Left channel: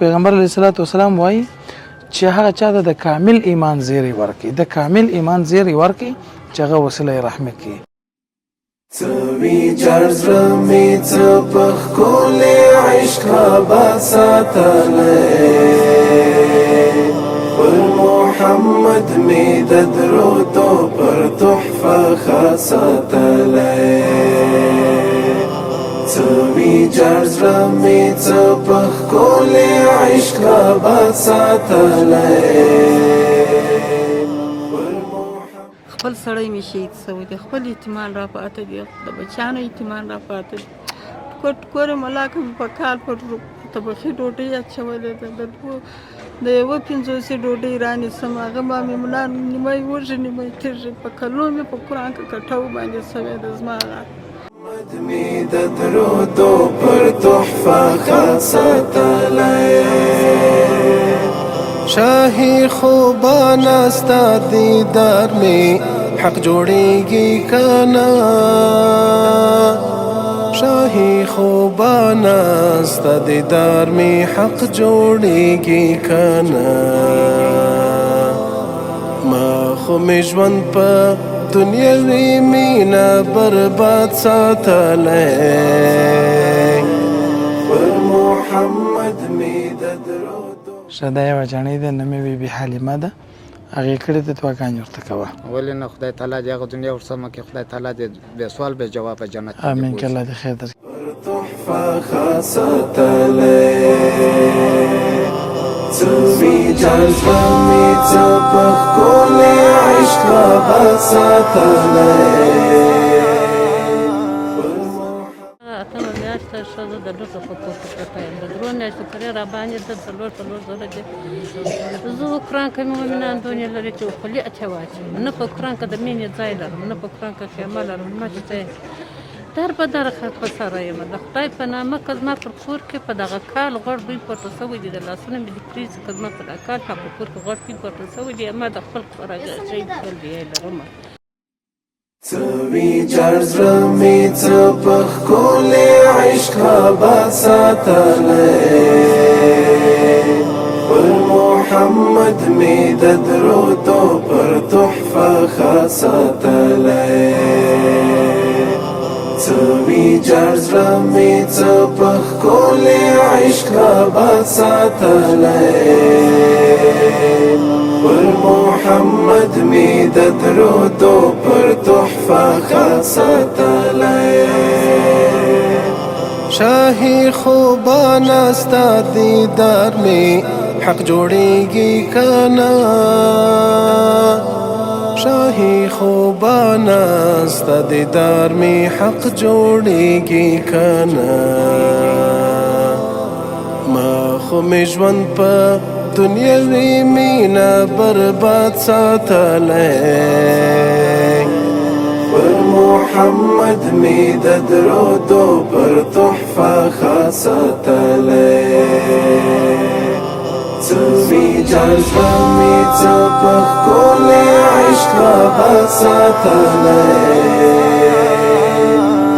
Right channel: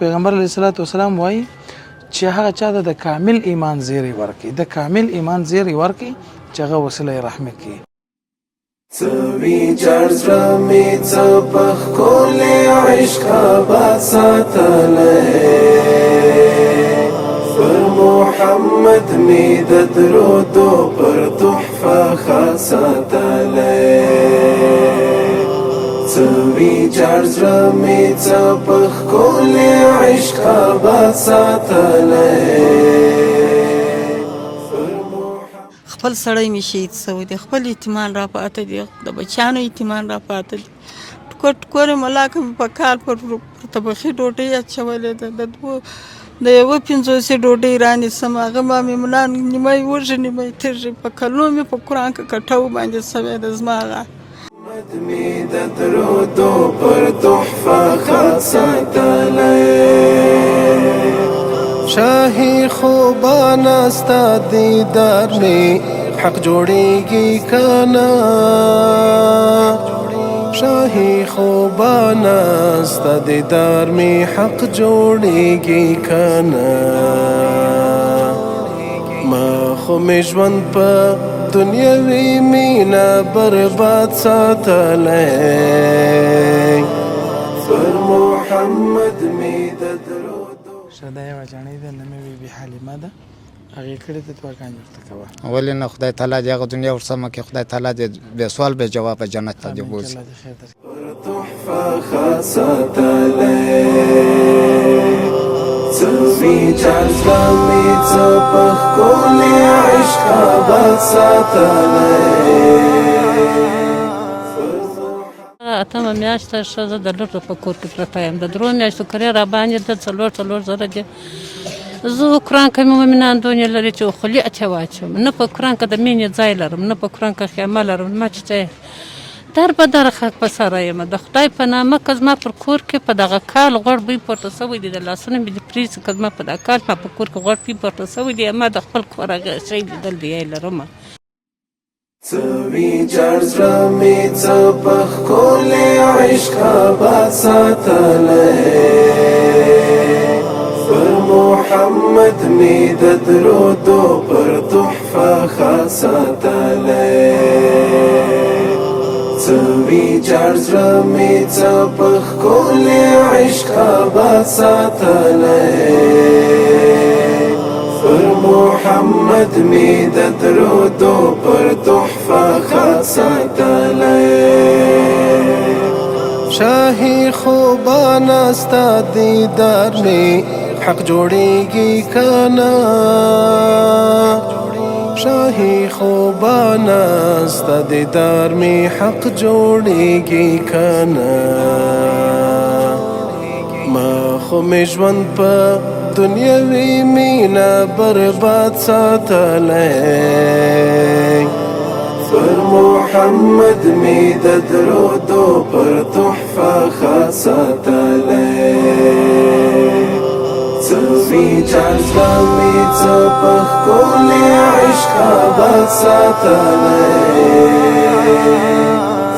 پیغمبر علیه الصلاۃ والسلام وایي چې هغه چاته د کامل ایمان زیری ورکړي، د کامل ایمان زیری ورکړي چې هغه وسیله رحمت کړي. سوي جرز رمي څپخ کول عشق آباد ساتلی پر محمد می د درودو پر تحفه خاص ساتلی سوي جرز رمي څپخ کول عشق آباد ساتلی خپل سړی مې شهید شوی دی، خپل یتیمان را پاته دي، د بچیانو یتیمان را پاته دي. ټوکر ملاکه مې په کال پر طبخي ډوډۍ اچولې ده، د یوه 50 ډوډۍ رانیسم، هغه ما مې نیمه وږي نیمه تږي، په کلونو مې په قرآن کې کټو باندې سوی ده زما هغه مدمي د درودو پر تحفه خاص ساتلی شاهی خوبان ستا دیدار می حق جوړیږي کنا شاهی خوبان ستا دیدار می حق جوړیږي کنا ما خو می ژوند په دنیاوی مینا برباد ساتلی پر محمد می د شدا یوه جاڼۍ ده، نومې بي بي حلیمه ده، هغې کړې ده دعاګانې ورته کوه. ولې نه خدای تعالی دې هغه دنیا ورسمه کړي، خدای تعالی دې بې سوال بې جوابه جنت ته دې امین بوځي. که الله دې خیر درکړي. تحفه خاص ساتلی سوي جرز رمي څپخ کول عشق آباد ساتلی اتمه میاشت ښه زه د لټو په کور کې پرته یم، د 3 میاشتو کرې راباندې ده 4 زره دي. زه قرآن کې مې مؤمنان دونې لري چې خولي اتې واچوم، نه په قرآن کې د مینې ځای لرم، نه په قرآن کې خیمه لرم، ما چې ته در به در خاک په سره یم. د خدای په نامه که زما پر کور کې په دغه کال غوړ بوی پورته شوی دی، د لاسونه مې د پریزي که زما په دغه کال ما په کور کې غوړ بوی پورته شوی دی، ما د خپل کور هغه شی لیدل دی لرم. سوي جرز رمي څپخ کول عشق آباد ساتلی پر محمد می د درودو پر تحفه خاص ساتلی سوي جرز رمي څپخ کول عشق آباد ساتلی پر محمد می د درودو پر تحفه خاص ساتلی شاهی خوبان ستا دیدار می حق جوړیږي کنا شاهی خوبان ستا دیدار می حق جوړیږي کنا ما خو می ژوند په دنیاوی مینا برباد ساتلی پر محمد می د درودو پر تحفه خاص ساتلی سوي جرز رمي څپخ کول عشق آباد ساتلی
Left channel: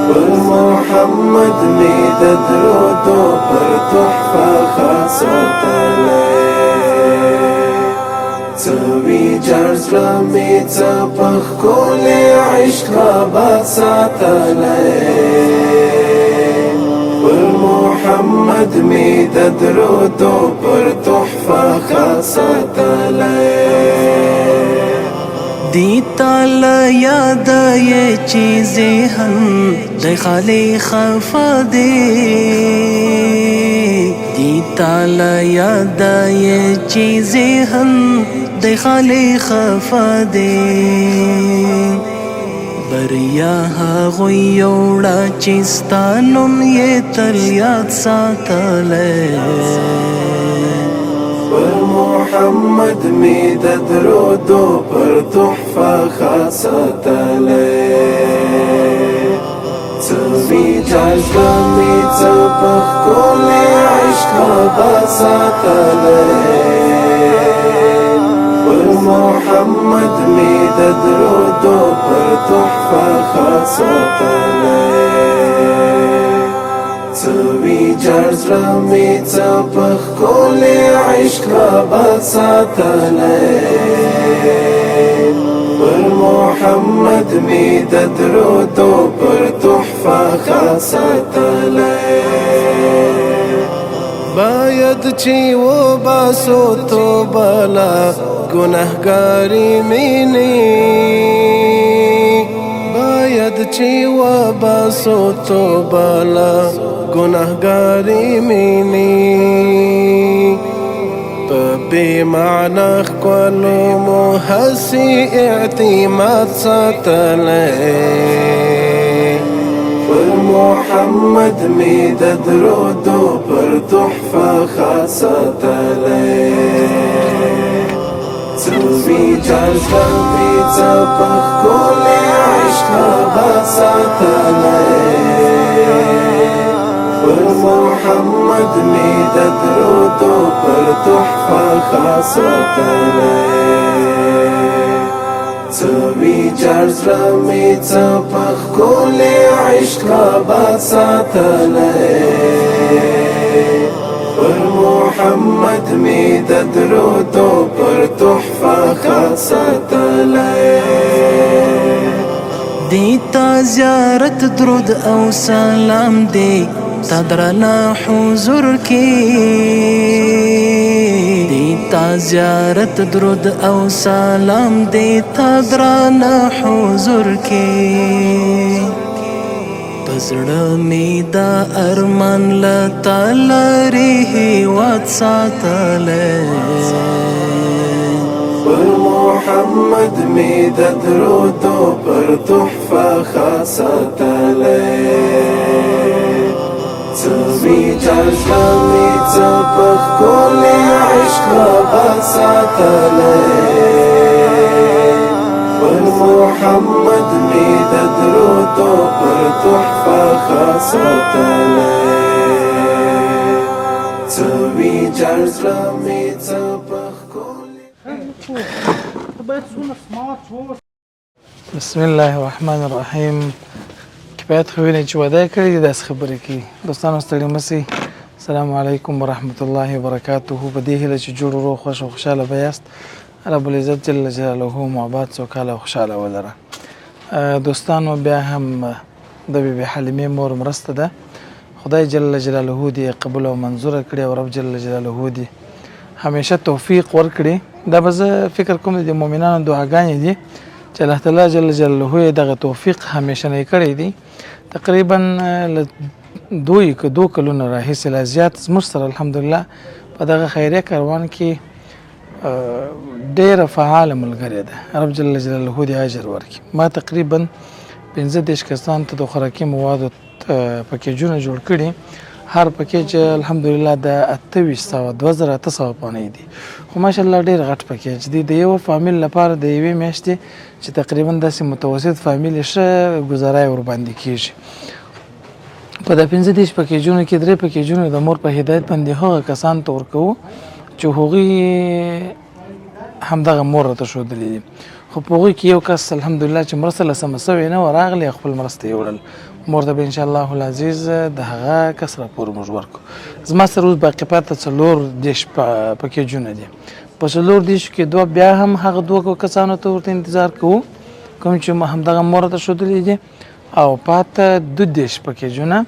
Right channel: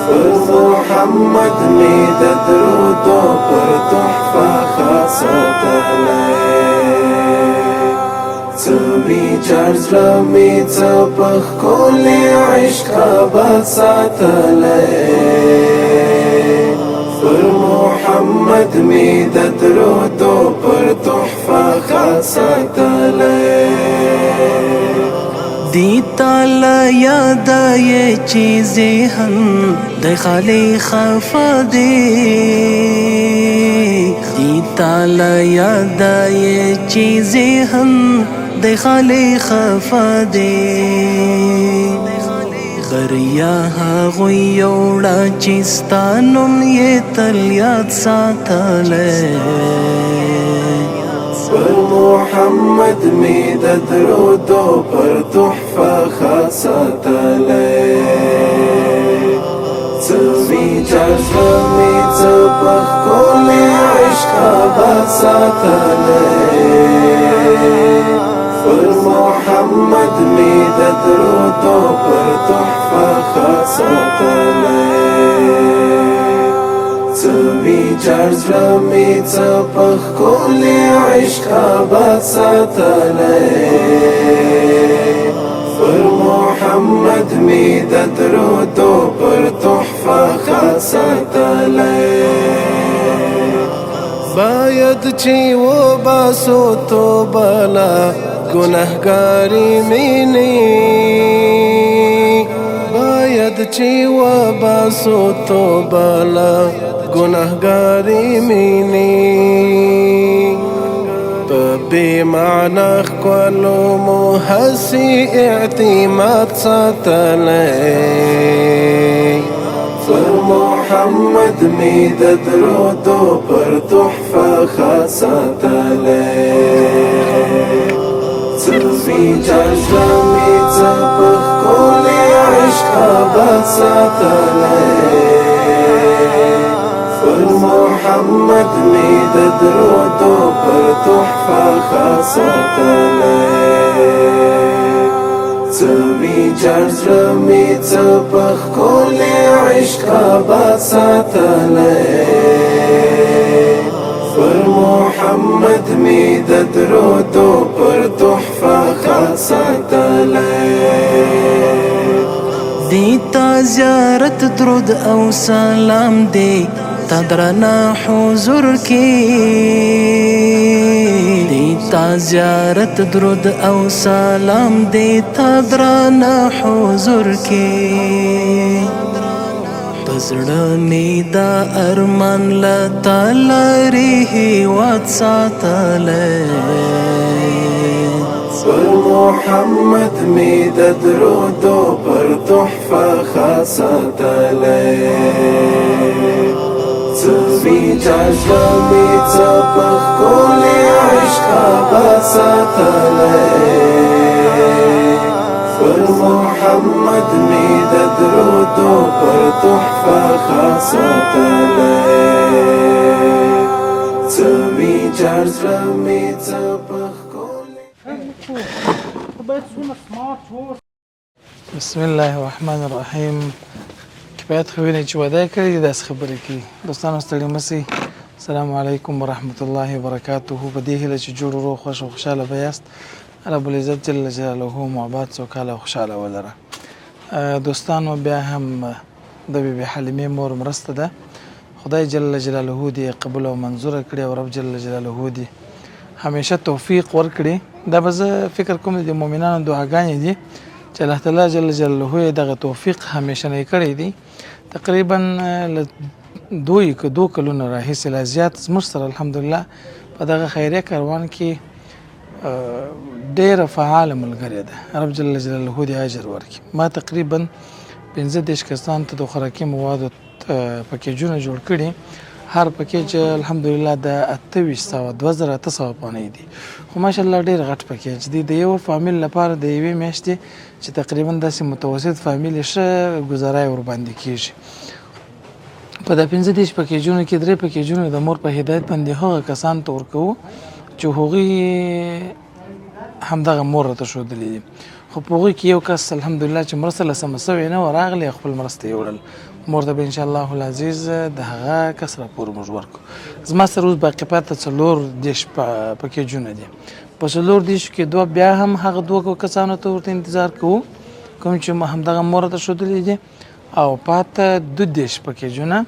پر محمد می د درودو پر تحفه خاص ساتلی سوي جرز رمي څپخ کول عشق آباد ساتلی پر محمد می د درودو پر تحفه خاص ساتلی دی تالا یاد یہ چیزیں ہم دے خالی خفا دے دی تالا یاد یہ چیزیں ہم دے خالی خفا دے بریا هغوی یوړه چې ستا نوم یې تل یاد ساتلی پر محمد می د درودو پر تحفه خاص ساتلی سوي جرز رمي څپخ کول عشق آباد ساتلی پر محمد می د درودو پر تحفه خاص ساتلی سوي جرز رمي څپخ کول عشق آباد ساتلی پر محمد می د درود و پر تحفه خط ساتلی باید چی و باسو تو بلا گناهگاری مینی باید چی و باسو تو بلا گناهگاری مینی بی معنی خلو محسی اعتماد ساتلی پر محمد می د درود و پر تحفه خط ساتلی سوی چارزه می چپخ کولی عشق آباد ساتلی پر محمد می د درود و پر تحفه خط ساتلی سوی چارزه می چپخ کولی عشق آباد ساتلی پر محمد می د درود و پر تحفه خط ساتلی دیتا زیارت درود او سلام دی تا درنا حضور کی دیتا زیارت درود او سلام دی تا درنا حضور کی پزړه می دا ارمان لتا لري هیواد ساتلی پر محمد می د درود و پر تحفه خط ساتلی سوی چارزه می چپخ کولی عشق آباد ساتلی پر محمد می د درود و پر تحفه خط ساتلی سوی چارزه می چپخ کولی بسم الله الرحمن الرحیم کفایت خو ویني چې وعده کړې دي داسې خبرې کوي دوستانو ستړي مه سئ السلام علیکم ورحمة الله وبرکاته په دې هیله چې جوړ روغ خوښ او خوشحاله به یاست رب العزت جل جلاله مو آباد سوکاله او خوشحاله ولره دوستانو بیا هم د بیبي حلیمې مور مرسته ده خدای جل جلاله دې قبول او منظوره کړي او رب جل جلاله دې همیشه توفیق ورکړي دا به زه فکر کوم د مؤمنانو دعاګانې دي چې الله تعالی جل جلاله دغه توفیق همیشه نه کړی دی تقریبا دو کلونه راهیسې لا زیات زموږ سره الحمدلله په دغه خیریه کاروان کې ډېره فعاله ملګرې ده رب جل جلاله دې اجر ورکړي ما تقریبا 15 کسان ته د خوراکي موادو پکیجونه جوړ کړي هر پکیج الحمدلله د 2800 پانې دي خو ماشاءالله ډېر غټ پکیج دی د یو فامیل لپاره د یوې میاشتې چې تقریبا داسې متوسط فامیل ښه ګزارای ور باندې کیږي په د 15 پکیجونو کې 3 پکیجونه د مور په هدایت باندې هغه کسان ته ورکوو چې هغوی همدغه مور ته ښودلي دي خو په هغوی کې یو کس الحمدلله چې مرسته له سمه سوې نه وه راغلی خپل مرسته یې وړل مور ته به انشاءالله العزیز د هغه کس راپور موږ ورکو زما سره اوس باقي پاته 4 پکیجونه دي په 4 کې 2 بیا هم هغه 2 کسانو ته ورته انتظار کوو کوم چې همدغه مور ته ښودلي دي او پاته 2 پکیجونه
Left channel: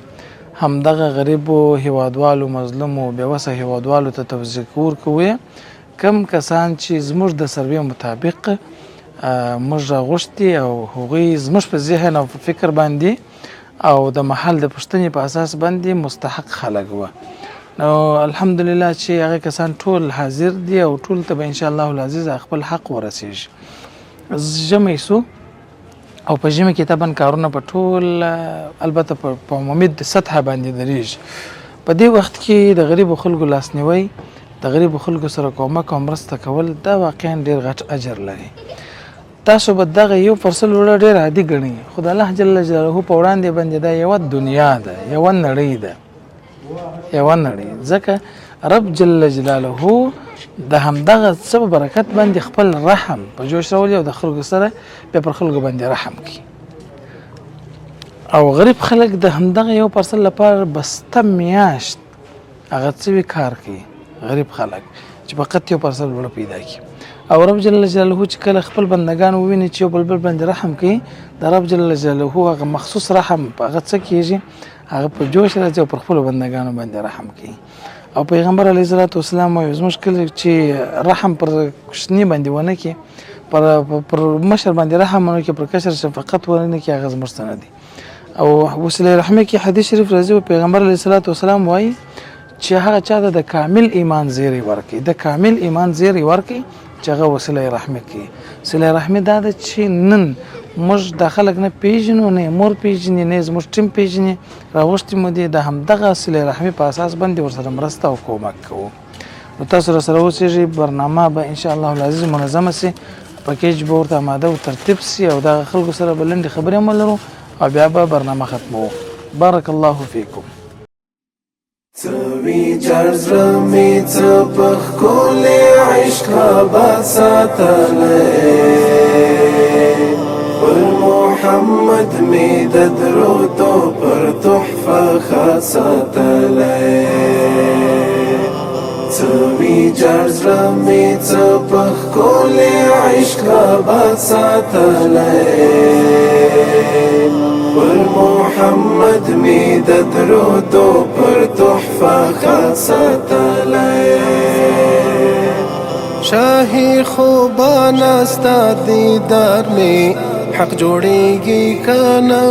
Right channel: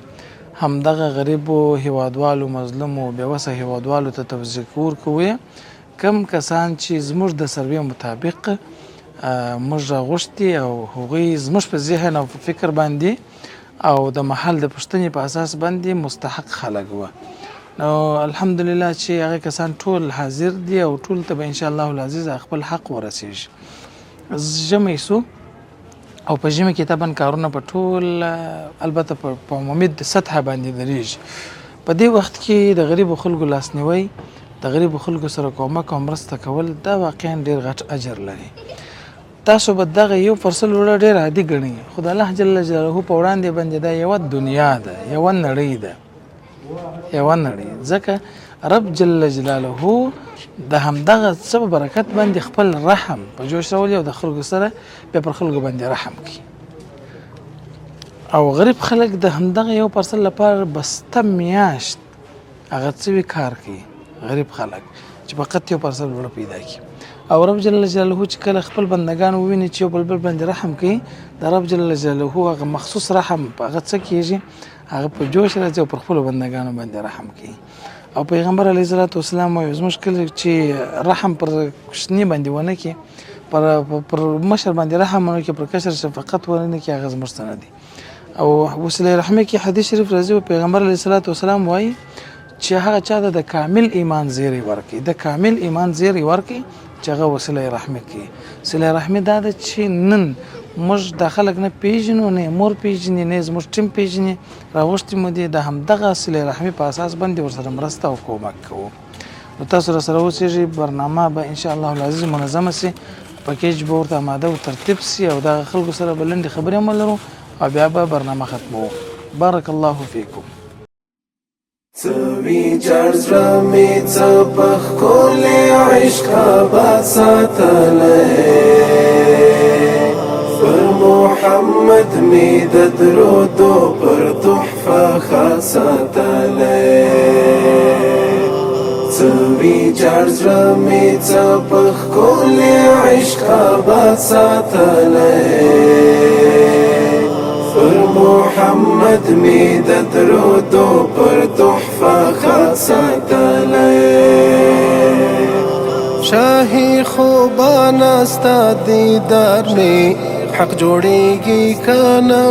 همدغه غریبو هیوادوالو مظلومو بېوسه هیوادوالو ته توزیع ورکوو کم کسان چې زموږ د سروې مطابق موږ راغوښتي او هغوی زموږ په ذهن او فکر باندې او د محل د پوښتنې په اساس باندې مستحق خلک وه نو الحمدلله چې هغه کسان ټول حاضر دي او ټول ته به انشاءالله العزیز خپل حق ورسیږي ژمی سو او په ژمي کې طبعا کارونه په ټول البته په عمومي سطحه باندې درېږي په دې وخت کې د غریبو خلکو لاسنیوی د غریبو خلکو سره کومک او مرسته کول دا واقعا ډېر غټ اجر لري تاسو به دغه یو فرصل وړه ډېر عادي ګڼئ خو د الله جل جلاله په وړاندې باندې دا یوه دنیا ده یوه نړۍ ده یوه نړۍ ځکه رب جل جلاله د همدغه څه په برکت باندې خپل رحم په جوش راولي او د خلکو سره بیا پر خلکو باندې رحم کوي او غریب خلک د همدغه یو فرصل لپاره بسته میاشت هغه څه کار کوي غریب خلک چې فقط یو پرسل وړه پیدا کړي او رب جل جلاله چې کله خپل بندگان وویني چې یو بل باندې رحم کوي د رب جل جلاله هغه مخصوص رحم هغه څه کېږي هغه په جوش راځي او پر خپل بندگانو باندې رحم کوي او پیغمبر علیه الصلاۃ والسلام وايي زموږ کله چې رحم پر کوچنی باندې ونه کې پر مشر باندې رحم ونه کې پر کشر شفقت ونه کې هغه زموږ څه نه دي او وسیله رحمه کې حدیث شریف راځي پیغمبر علیه الصلاۃ والسلام وايي چې هغه چا د کامل ایمان زیری ورکي د کامل ایمان زیری ورکي چې هغه وسیله رحمه کې وسیله رحمه دا چې نن موږ د خلک نه پیژنو نه مور پیژنې نه زموږ ټیم پیژنې راوښتي مو دي د همدغه وسیله رحمه په اساس باندې ورسره مرسته او کومک کوو نو تاسو سره اوسېږئ برنامه به ان شاء الله العزیز منظمه سي پکیج به ورته آماده او ترتیب سي او د خلکو سره بلندې خبرې هم ولرو او بیا به برنامه ختمو بارک الله فیکم سوي جرز رمي تبخ كل عشق بساتلي محمد می د درودو پر تحفه خاصتلي سوي جرز رمي تبخ كل عشق بساتلي محمد می د درودو پر تحفه خاصتلي شاهي خوبان استا دیدار می حق جوړیږي کنا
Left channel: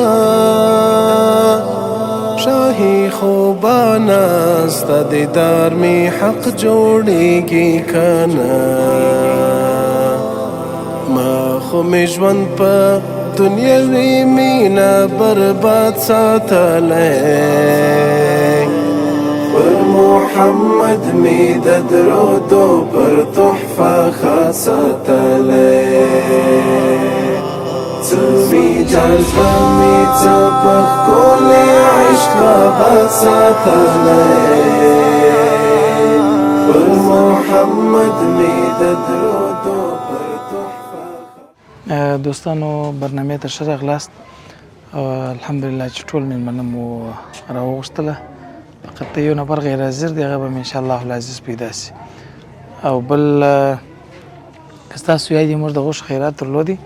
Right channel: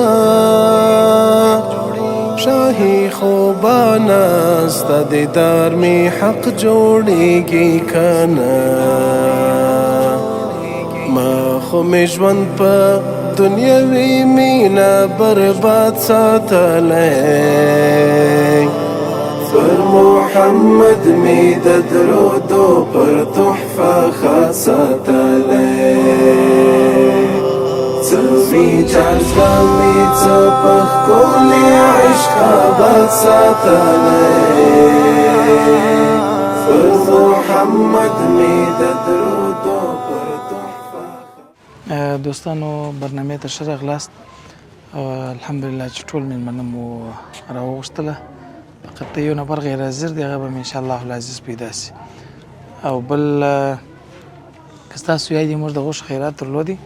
شاهي خوبان استا دیدار می حق جوړیږي کنا ما خو می ژوند په دنیاوی مینا برباد ساتلی پر محمد می د درودو پر تحفه خاصتلی سرزی جذبه می تبخ کل عشق باد ساتلی پر محمد می د درودو پر تحفه دوستانو برنامه ته ښه راغلاست الحمدلله چې ټول میلمانه مو راوغوښتله فقط یو نفر غیر حاضر دی هغه به ان شاء الله العزیز پیدا شي او بل که ستاسو یادې موږ د غوښې خیرات درلودي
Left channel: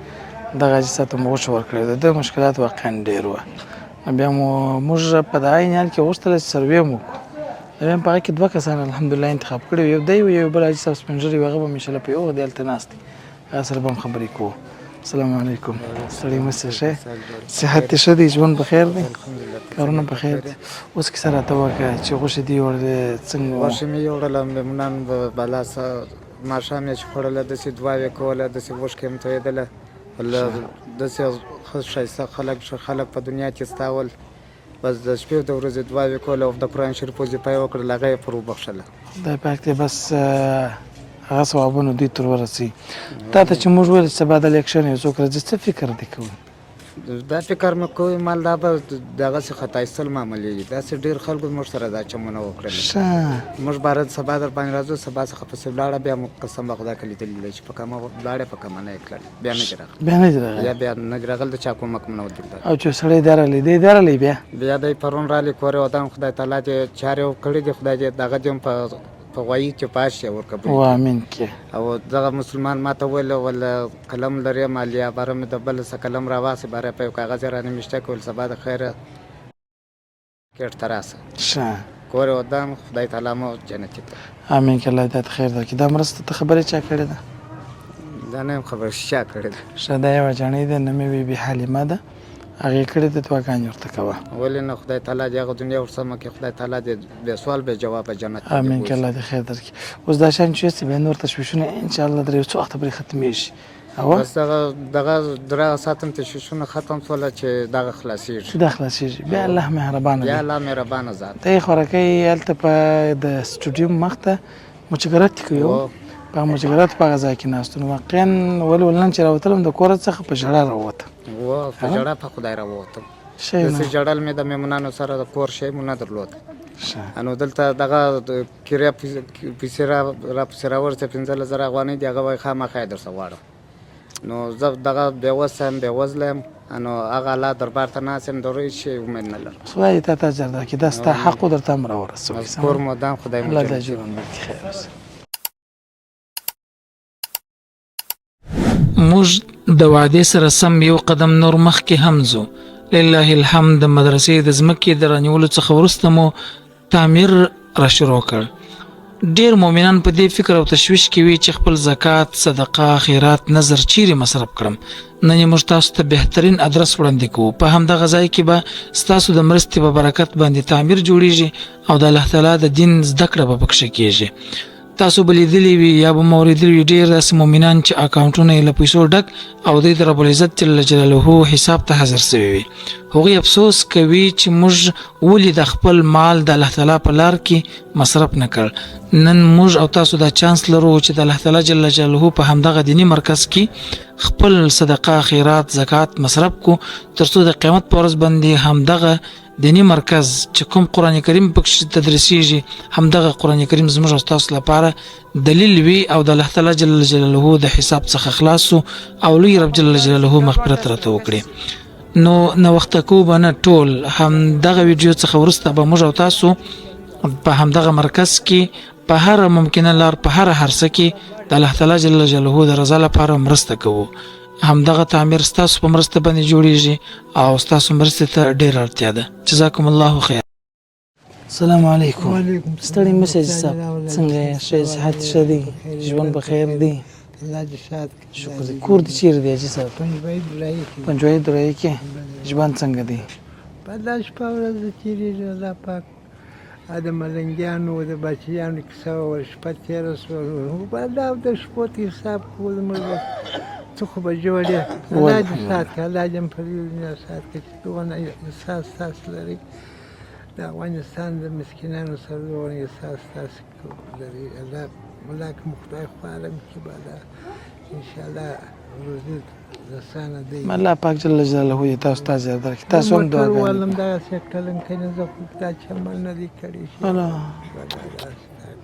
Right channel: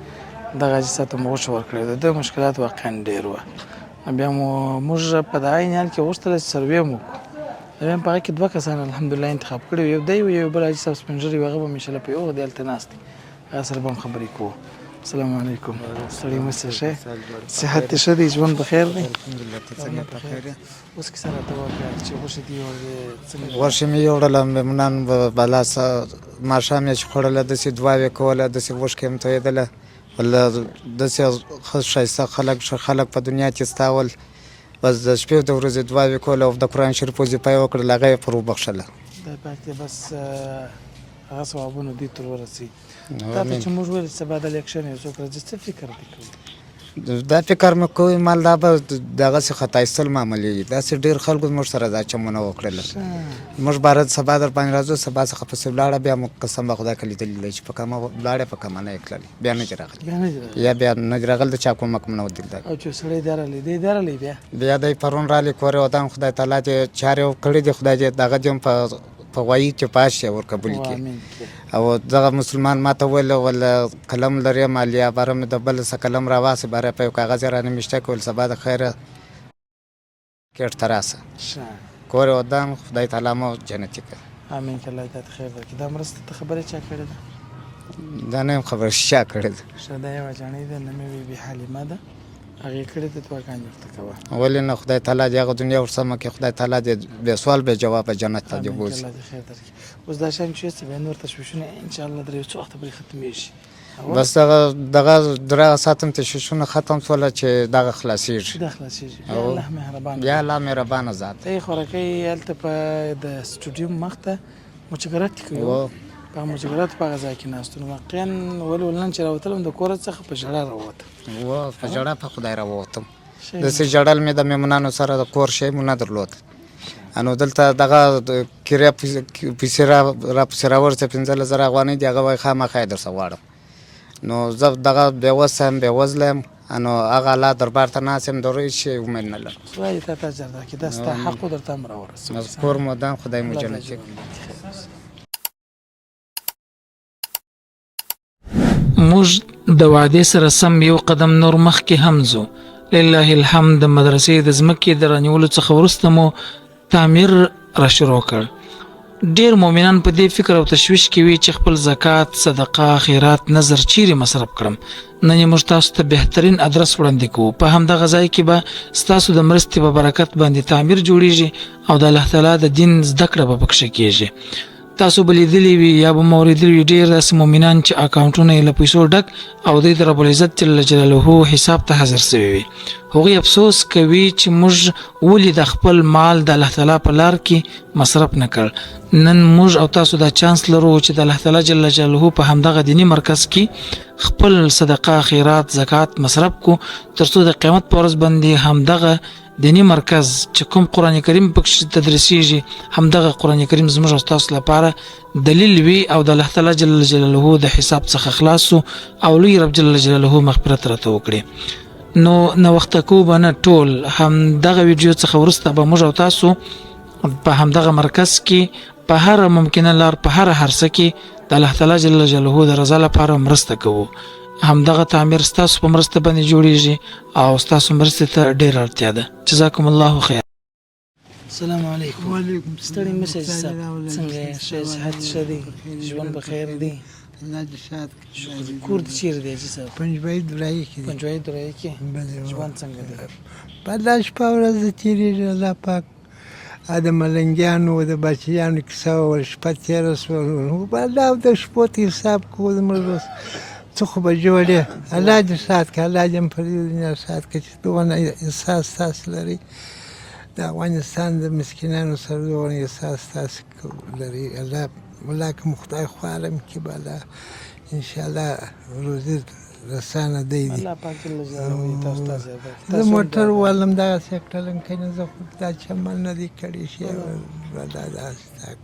دغه حاجي صاحب ته مو غوښه ورکړې ده د مشکلات واقعا ډېر وه بیا موږ په دغه عین حال کې غوښتله چې سروې مو وکړو بیا په هغه کې 2 کسان الحمدلله انتخاب کړي یو دی یو بل حاجي صاحب سپین ږیری هغه به مې انشاءالله په یو وخت هلته ناست دی هغه سره به هم خبرې کوو السلام علیکم سړی مو ښه صحت دې ښه دی ژوند بخیر دی کارونه بخیر دی اوس کیسه راته وکړه چې غوښې دې څنګه غوښې مې یوړله میمنان بالا ماښام یې چې خوړله داسې دعاوې کوله داسې غوښکې هم تویېدله والله داسې ښه ښایسته خلک په دنیا کې ستاول بس د شپې د ورځې دعاوې کوله او د قرآن شریف وظیفه یې وکړله هغه یې پر وبخښله خدای پاک دې بس هغه ثوابونه دوی تر ورسوي تا ته چې موږ ویل چې سبا د الیکشن یو څوک راځي څه فکر دې کوو دا فکر مې کوي مال دا به دغسې خطا ایستل معمولېږي داسې ډېر خلکو موږ سره دا چمونه وکړله موږ باره سبا در باندې راځو سبا څخه پسې ولاړه بیا مو قسم به خدای که لیدلي دی چې په کومه ولاړې په کومه نه یې کړلې بیا نه دي راغلي یا بیا نه دي راغلي د چا کومک نه و دیدلی او چې سړی دی راغلی دی راغلی بیا دی پرون راغلی کور یې ودان خدای تعالی دې چارې کړي دي خدای دې دغه دې هم په غوایي کې پاس شي ورقبول امین او دغه مسلمان ما ته ویل ولا قلم لري مالیا باره مې د بل څه قلم راواسي باره په یو کاغذ رانه میشته کول سبا د خیره کېټ ته راسه کور یې ودان خدای تعالی مو جنتي کړه امین که الله دې ته خیر درکړي دا مرسته ته خبرې چا کړې ده دا نه یم خبره چا کړې ده ښه دا یوه جاڼۍ ده نومې بیبي حلیمه ده هغې کړې ده دعاګانې ورته کوه ولې نه خدای تعالی دې هغه دنیا ورسمه کړي خدای تعالی دې بې سوال بې جوابه جنت ته امین که الله دې خیر درکړي اوس دا شیان چې یوسې بیا نور تشویشونه انشاءالله در یو څو وخته پورې ختمېږي بس دغه درې ساعتم تشویشونه ختم شوله چې دغه خلاصېږي دا خلاصېږي بیا الله مهربانه بیا الله مهربانه ذات ته یې خوراکۍ هلته په د سټوډیوم مخ ته مچګرات کوي په مجګرات په هغه ځای کې ناست نو واقعا ولې نن چې راوتلم د کور څخه په ژړا راووتم په ژړا په خدای راووتم داسې ژړل مې د میمونانو سره د کور شی مو نه درلود نو دلته دغه کرایه پیسې راپسې راورسه 15,000 افغانۍ دي هغه وایي خامخا یې درڅه غواړم نو زه دغه بېوسه یم بېوزله یم نو هغه الله دربار ته ناست یم د هیڅ شي امید نه لرم. خدای تا ته اجر درکړي دا ستا حق و درته هم راورسوي مذکور مدام خدای مو الله جل د اجرونه درکړي خیر اوسه. موږ د وعدې سره سم یو قدم نور مخکې هم ځو. لله الحمد د مدرسې د ځمکې د رانیولو څخه وروسته مو تعمیر را شروع کړ. ډیر مؤمنان په دې فکر او تشویش کې وي چې خپل زکات، صدقه، خیرات، نظر چیرې مصرف کړم. نن یې موږ تاسو ته بهترین ادرس وړاندې کوو. په همدغه ځای کې به ستاسو د مرستې په برکت باندې تعمیر جوړیږي او د الله تعالی د دین زده کړه به پکښې کېږي. تاسو به لیدلی وي یا به مو اورېدلي وي ډېر داسې مؤمنان چې اکاونټونه یې له پیسو ډک او دوی د رب العزت جل جلاله حساب ته حاضر سوي وي. هغوی افسوس کوي چې موږ ولې د خپل مال د الله تعالی په لار کې مصرف نه کړ. نن موږ او تاسو دا چانس لرو چې د الله تعالی جل جلاله په همدغه دینی مرکز کې خپل صدقه، خیرات، زکات مصرف کو ترڅو د قیامت په ورځ باندې همدغه دینی مرکز چې کوم قرآن کریم پکې تدریسیږي همدغه قرآن کریم زموږ او تاسو لپاره دلیل وي او د الله تعالی جل جلاله د حساب څخه خلاص او لوی رب جل جلاله مغفرت راته وکړي. نو وخت کو بنه ټول همدغه ویډیو څخه ورسته به موږ او تاسو په همدغه مرکز کې په هر ممکنه لار په هر هرڅه کې د الله تعالی جل جلاله د رضا لپاره مرسته کوو. همدغه تعمیر ستاسو په مرسته باندې جوړیږي او ستاسو مرسته ته ډېره اړتیا ده. جزاکم الله خیر. السلام علیکم. ستړي مشه صاحب څنګه یې؟ ښه صحت ښه دی؟ ژوند به خیر دی؟ الله دې سات شکر. کور دې چیرې دی حاجي صاحب؟ پنځوي درای کې پنجوایي درایي کې. ژوند څنګه دی؟ په دا شپه ورځ تیریږي. الله پاک د ملنګیانو د بچیانو کیسه وویل، شپه تېره شوه. په الله د شپو ته حساب کوو زموږ بس څه خو به جوړې. الله دې سات کړه، الله دې په دې دنیا سات کړه چې دونه احساس تاسو لرئ د افغانستان د مسکینانو سره دونه احساس تاسو لرئ. الله که مو خدای خو عالم کې به الله انشاءالله روزي رسانه دی. الله پاک جل جلاله دې تاسو ته زیات درکړي. تاسو هم موټر دعا والم دغسې کړلم کنه زه خو دا چمن نه دی کړی شي.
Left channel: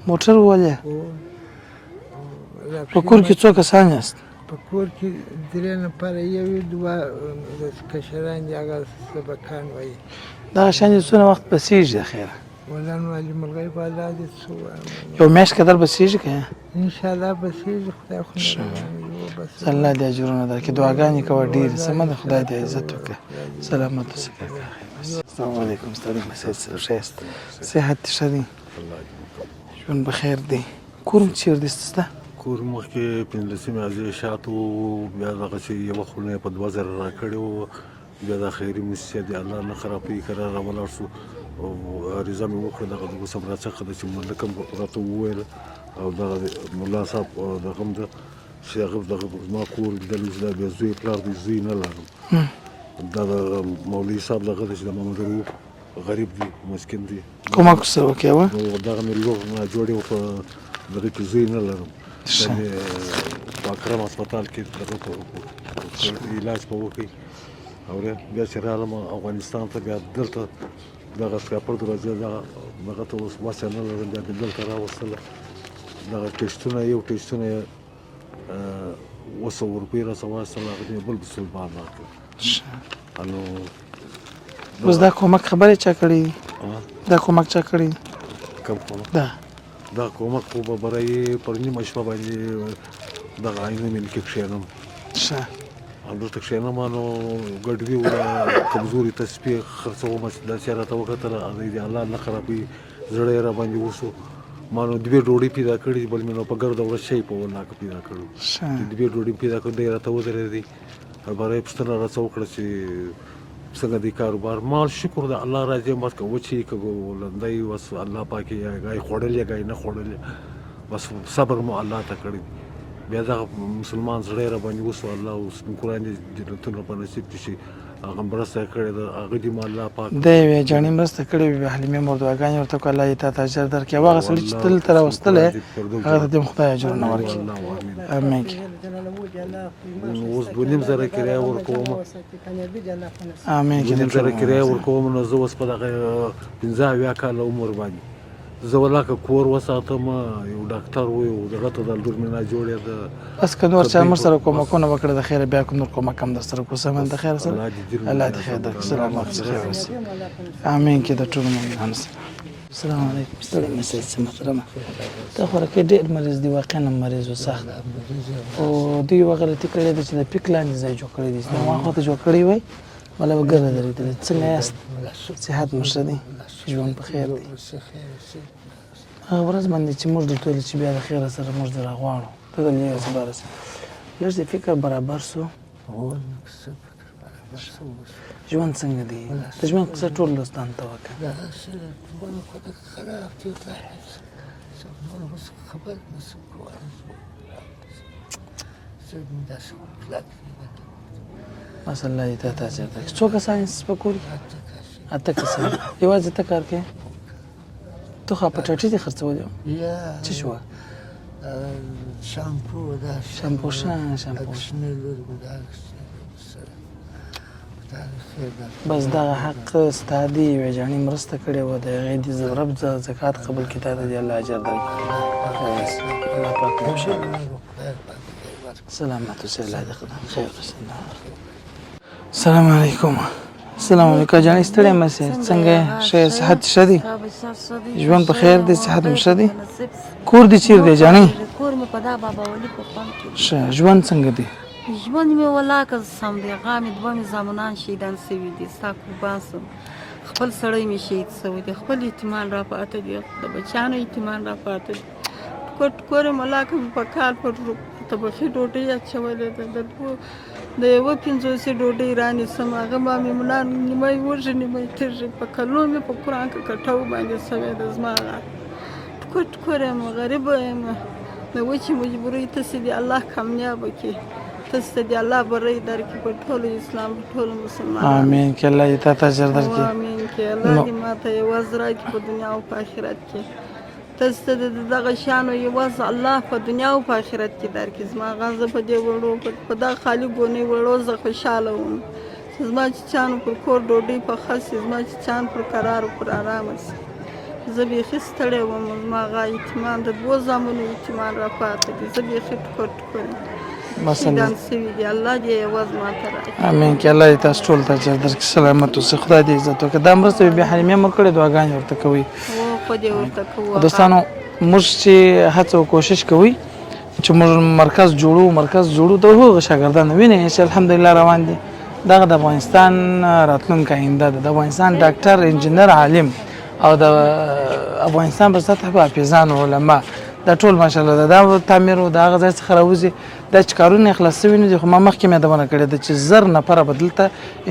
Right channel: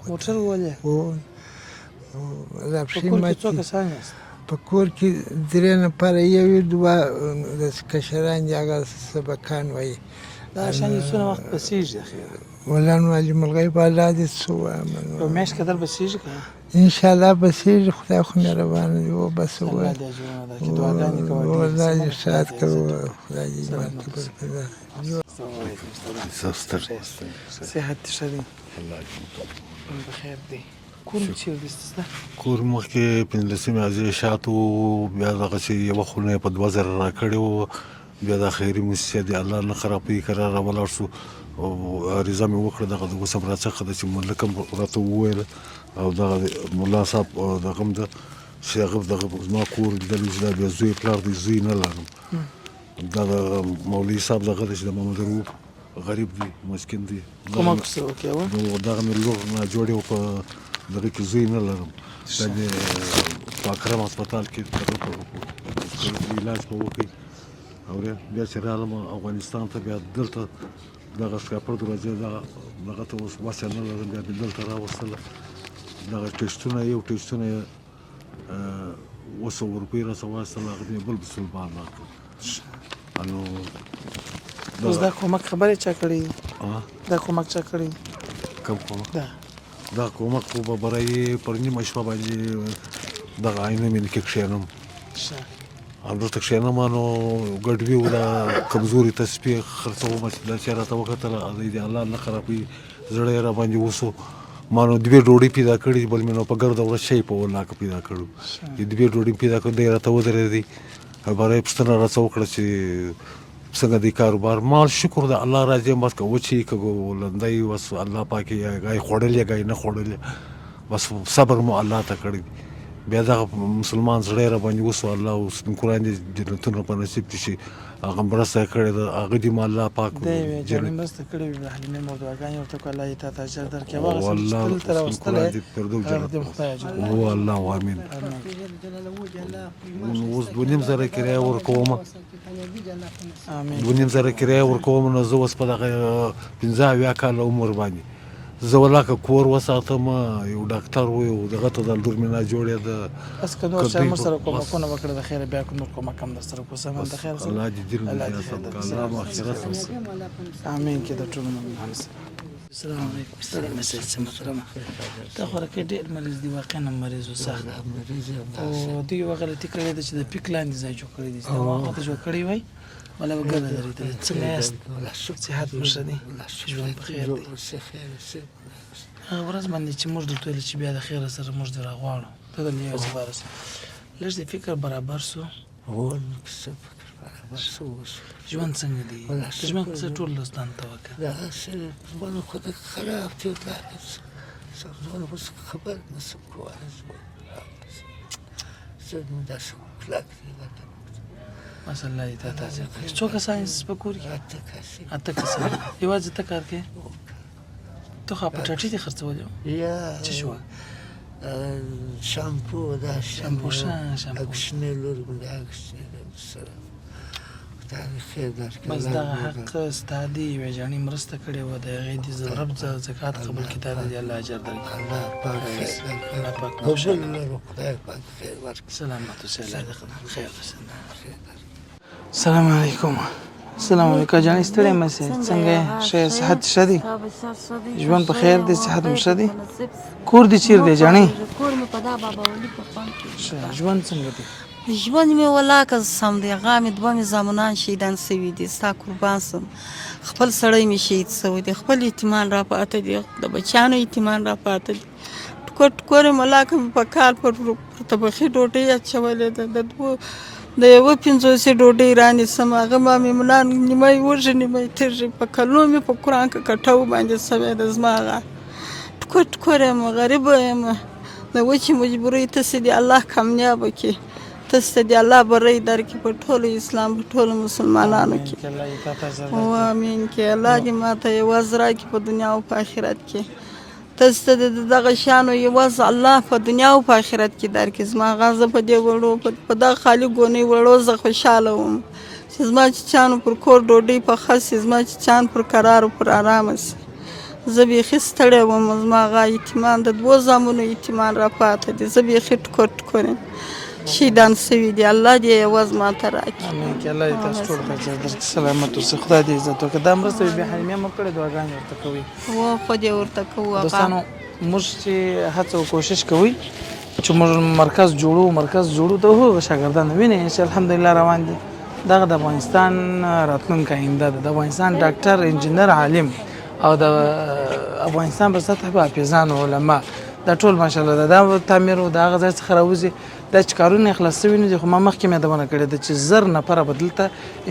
موټر ولې؟ په کور کې څو کسان یاست؟ په کور کې 3 نفره، یو یې 2 د کشران دي، هغه سبقان وایي. دغه شیان دې څونه وخت بسیږي خیره؟ مولانا واجب الغیب الله دې څه ووایم. یو میاشت قدر بسیږي که انشاءالله بسیږي. خدای خو مهربانه دی وبس. الله دې اجرونه درکړي. دعاګانې کوه ډېرې سمه. خدای دې عزت وکړي. سلامت اوسئ. السلام علیکم. صحت ښه دی؟ ژوند به خیر دی؟ کور م چیرې دی ستا؟ کور مخکې 15 عزیز شاتو، بیا دغسې یوه خونه یې په 2000 راکړې وه. بیا دا خیري موسسه دی، الله نه خرابوي که را ولاړ شو او عریضه مې وکړه دغه د اوس هم راڅخه ده چې ملک هم راته وویله او دغه ملا صاحب دغه هم ده چې هغه دغه زما کور لیدلی چې دا بیا زوی پلار دی، زوی نه لرم. دا د مولوي صاحب دغه ده چې د محمد رؤف غریب دی، مسکین دی. کومک ورسره وکړې وه؟ نو دغه مې لور ناجوړې وه، په دغه کې زوی نه لرم. دا مې په اکرم هسپتال کې علاج به وکړي. اورې بیا چې رالم افغانستان ته، بیا دلته دغه سکاپر دروازې دغه ته اوس وسه نه لرم، بیا مې دلته راوستله. دغه ټسټونه یو ټسټونه یې 200 روپۍ راڅه واخیستل، هغه مې بل مسلمان راکړل. نو اوس دا کومک خبرې چا کړې؟ دا کومک چا کړې؟ کوم کومک؟ دا کومک خو به برای پر نیمه شپه باندې دغه آینه مې کې کښېنم. همدلته کښېنم نو ګډوي وه، دا کمزوري تسبیح خرڅومه چې دا چې راته وکتل دی الله نه خرابوي، زړه یې راباندې وسو. ما نو 2 ډوډۍ پیدا کړي، بل مې نو په ګرده ورځ شی په ولاکه پیدا کړو. چې 2 ډوډۍ پیدا کړو، دی راته ودرېدی، برای یې پوښتنه راڅه وکړه چې څنګه دی کاروبار. ما شکر د الله راضي یم، بس که وچې که لنده یې بس الله پاک یې ګای خوړلې ګای نه خوړلې، بس صبر مو الله ته کړی. بیا دغه مسلمان زړه یې راباندې وسو، الله اوس قرآن دې جنتونه په نصیب دي چې هغه مرسته یې کړې ده، هغه دې مو الله پاک دی یوې جانې مرسته کړې وي. حلیمې مور دعاګانې ورته وکړه، الله یې تا ته اجر درکړي. او هغه سړي چې دلته راوستلی هغه ته دې هم خدای اجرونه ورکړي. الله امین. امین. اوس 2,500 کرایه ورکوم، امین. 2,500 کرایه ورکوم. نو زه اوس په دغه 15 کاله عمر باندې زه ولاکه کور وساتم یو ډاکټر و یو دغه ته د لور مې نه جوړې ده بس که نور چا موږ سره کومکونه وکړه د خیره بیا کوم نور کومک هم در سره کوو سمه د خیر سره الله دې خیر درکړي سلامت خیر اوسئ امین کې د ټولو مؤمنانو سره السلام علیکم ستړی مه شئ څه محترمه تا خو راکې ډېر مریض دي واقعا هم مریض و سخت او دوی یوه غلطي کړې ده چې د پیک لاندې ځای جوړ کړی دي نو هغه ته جوړ کړی وای ولا به ګرده درېدلې څنګه یاست صحت مو ښه دی ژوند په خیر دی هغه ورځ باندې چې موږ درته ویلې چې بیا د خیره سره موږ دې راغواړو ته د یو څه باره لږ دې فکر برابر سو ژوند څنګه دی د ژوند کیسه ټول دوستان ته وکړه ماشاء الله دې ته اجر ورکړي څو کسان یې په کور کې 8 کسان یوازې ته کار کوې تو خو په ټاټي دې خرڅولې وه څه شوه شامپو بس دغه حق ستا دی یوې جانې مرسته کړې وه د هغې دې رب زکات قبول کړي تا ته دې الله اجر درکړي الله پاک مو خوشحاله سلامت اوسئ الله دې خیر السلام علیکم السلام علیکم جانې ستړی مه شئ څنګه یې ښه یې صحت ښه دی ژوند په خیر دی صحت مو ښه دی کور دې چیرې دی جانې کور مې په دا بابا ولي په ښه ژوند څنګه دی ژوند مې ولاکه سم دی هغه مې دوه مې زامنان شهیدان سوي دي ستا قربان سم خپل سړی مې شهید سوی دی خپل یتیمان را پاته دي د بچیانو یتیمان را پاته دي ټکور یې ولاکه مې په کال پر تبخي ډوډۍ اچولې ده د یوه 50 ډوډۍ رانیسم هغه ما مې ملا نیمه وږي نیمه تږي په کلونو مې په قرآن کې کټو باندې سوی ده زما هغه ټکور یم غریبه یم د وچې مجبورۍ تاسې دې الله کامیابه کړي تاسې ته دې الله بری درکړي په ټولو اسلام په ټولو مسلمانانو امین کې الله دې تا ته اجر درکړي امین کې الله دې ماته یوازې راکړي په دنیا او په آخرت کې تاسې ته د دغه شیانو یوازې الله په دنیا او په آخرت کې درکړي زما هغه زه په دې وړو په دغه خالي ګونۍ وړو زه خوشحاله وم چې زما چیچیانو پر کور ډوډۍ پخه سي زما چیچیان پر قرار او پر ارامه سي زه بیخي ستړی وم زما هغه یتیمان د 2 زامنو یتیمان را پاته دي زه بیخي ټکور یم شهیدان سوي دي الله دې یوازې ماته راکړي امین کې الله دې تاسو ټول ته اجر درکړي سلامت اوسئ خدای دې عزت وکړي دا مرسته بیا حلیمې مو کړې دعاګانې ورته کوئ خو دې ورته کوو دوستانو موږ چې هڅه او کوشش کوئ چې موږ مرکز جوړو د هغو شاګردان وینئ چې الحمدلله روان دي دغه د افغانستان راتلونکی آینده ده د افغانستان ډاکټر انجینر عالم او د افغانستان په سطح به حافظان علما دا ټول ماشاءالله دا تعمیر او د هغه ځای څخه راوځي دا چې کارونه اخلاص شوي نه دي خو ما مخکې مې یادونه کړې ده چې 1000 نفره به دلته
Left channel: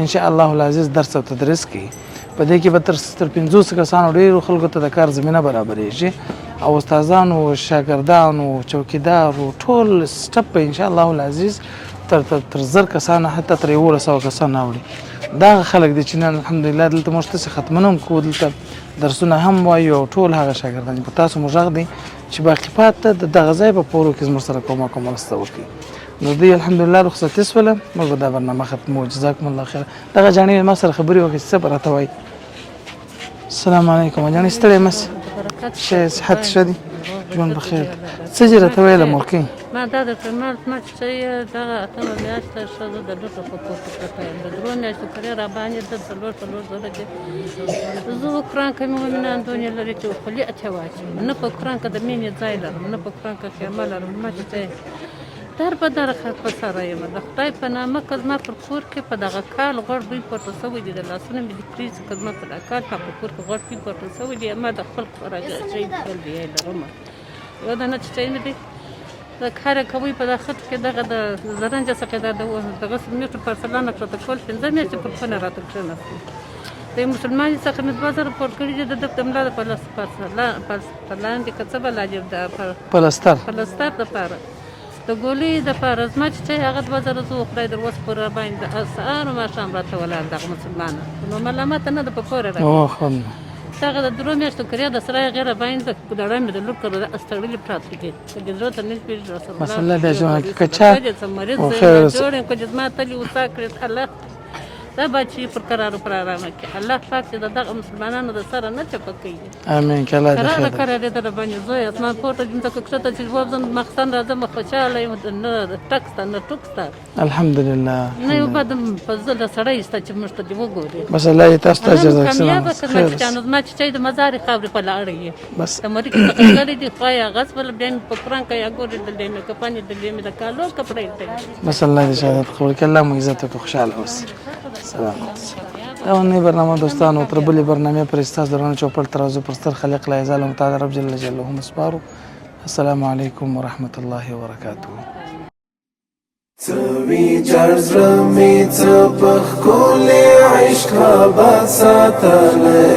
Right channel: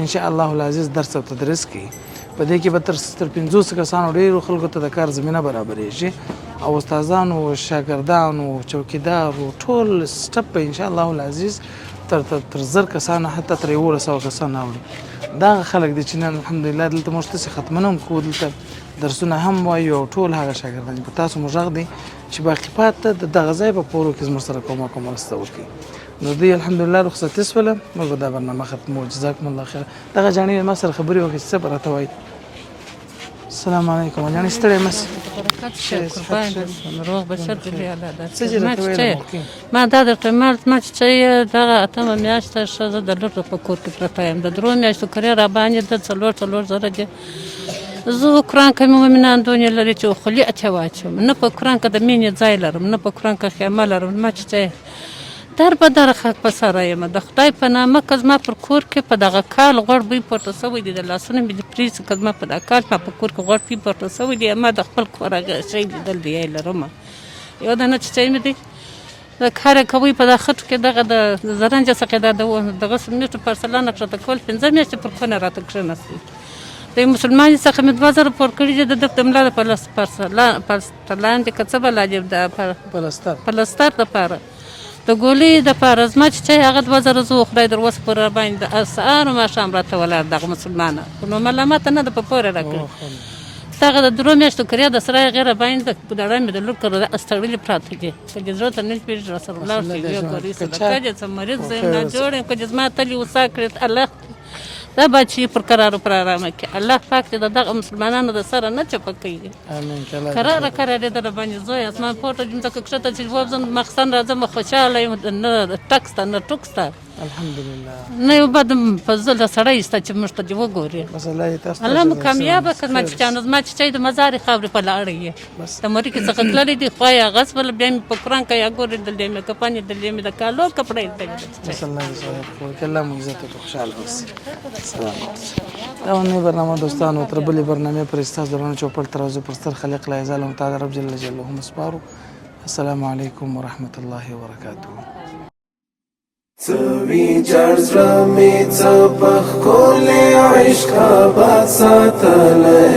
انشاءالله العزیز درس او تدریس کوي په دې کې به تر 500 کسانو ډېرو خلکو ته د کار زمینه برابرېږي او استادانو شاګردانو چوکیدارو ټول سټپ به انشاءالله العزیز تر 1000 کسانه حتی تر 1100 کسانه اوړي دا خلک دي چې نن الحمدلله دلته موږ څه ختمونه هم کوو دلته درسونه هم وایو او ټول هغه شاګردان په تاسو موږ غږ دي چې باقي پاته د دغه ځای په پورو کې زموږ سره کومک او مرسته وکړي نو دوی الحمدلله رخصتي شوله موږ به دا برنامه ختمو جزاکم الله خیر دغه جانې ما سره خبرې وکړې څه به راته وایي السلام علیکم جانې ستړی مه شئ صحت ښه دی ژوند بخیر څه چې راته ویله موقع ما دا درته ما چې دغه اتمه میاشت ښځه د لور په کور کې پرته یم د 3 میاشتو کرې را باندې د 4 زره دي زه قرآن کې مؤمنان دنیا لري چې خولي اته واچم نه په قرآن کې د مینې ځای لرم نه په قرآن کې خیمه لرم ما چې در به در خاک په سره یم د خدای په نامه که زما پر کور کې په دغه کال غوړ بوی پورته سوی دي د لاسونه مې د پریز که زما په دغه کال ما په کور کې غوړ بوی پورته سوی دي ما د خپل کور هغه شی لیدل دی لرم یو دانه چیچی مې دی د کار کوي په دغه خټو کې دغه د زرنج څخه دغه سمنټو پارسلان کړه کول 15 میاشتې پر خونه راته کښېناستم د مسلمان څخه مې 2000 پور کړي دي د ملا د پارسلان د کڅبه لاجب د پلستر د پاره د ګولې د پاره زما چې هغه 2000 زو خدای در وس پر باندې اسعار ما شام راته ولر دغه مسلمانه نو ملامت نه د په پوره راکړه دغه د 2 میاشتو کریا د سره غیر باندې په دړه مې د لور کړه استړلې پراته دي چې ضرورت نه پیژ رسول الله مثلا د ژوند کچا مریض زما ته وسا کړ الله دا بچي پر قرار پر آرامه کې الله پاک دې د دغه مسلمانانو د سره نه چپه کوي امين كلا قرار قرار دې در باندې زوی اسمان پورته دې تک کښته چې وځم مخسن راځم خوشاله یم نه ټکسته نه ټوکسته الحمد لله نه یو بد فضل د سړی است چې موږ ته دې وګوري بس الله يتاستا الله جزاك کامیاب الله کړم چې چانو ما چې د مزار خبرې په لاړې بس د مری کې څه غلې دي خوایا غصب بیا په قران کې یا ګورې د دې مې کپانې د دې مې د کالو کپړې دي بس الله دې شهادت قبول کړي الله مو عزت او خوشاله اوسه سلام او نه برنامه دوستانو تر بلې برنامه پر استاد درانه چوپل ترازو پر ستر خلق لا یزال متعال رب جل جلاله مسپارو السلام علیکم ورحمت الله وبرکاته سوي جرز رمي تبخ كل عشق بساتلي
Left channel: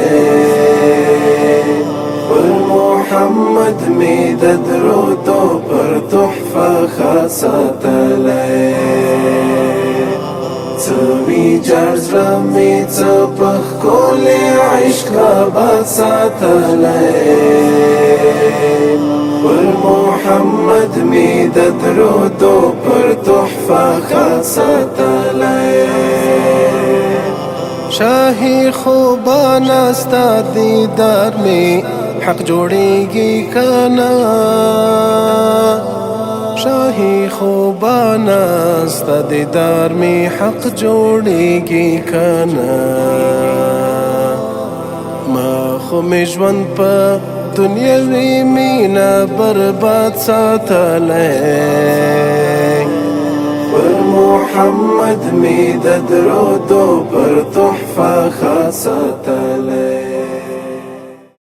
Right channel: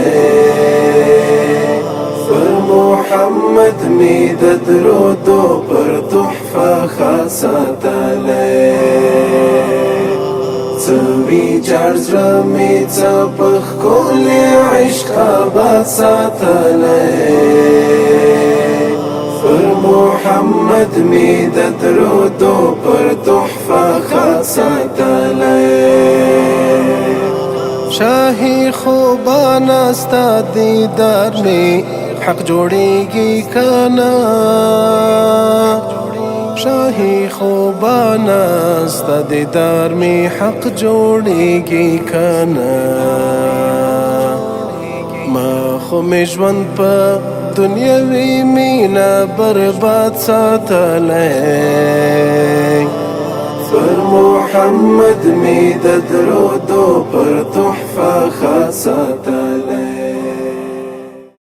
محمد ميد درود بر تحفة خاصتلي سوي جرز رمي تبخ كل عشق بساتلي محمد ميد درود پر تحفة خاصتلي شاهي خوبان استا دیدار میں حق جوڑेगी کنا شاهي خوبان استا دیدار میں حق جوڑेगी کنا ما خو مجوان پا دنیاوی مینا برباد ساتلی پر محمد می د درود پر تحفه خاصه تلی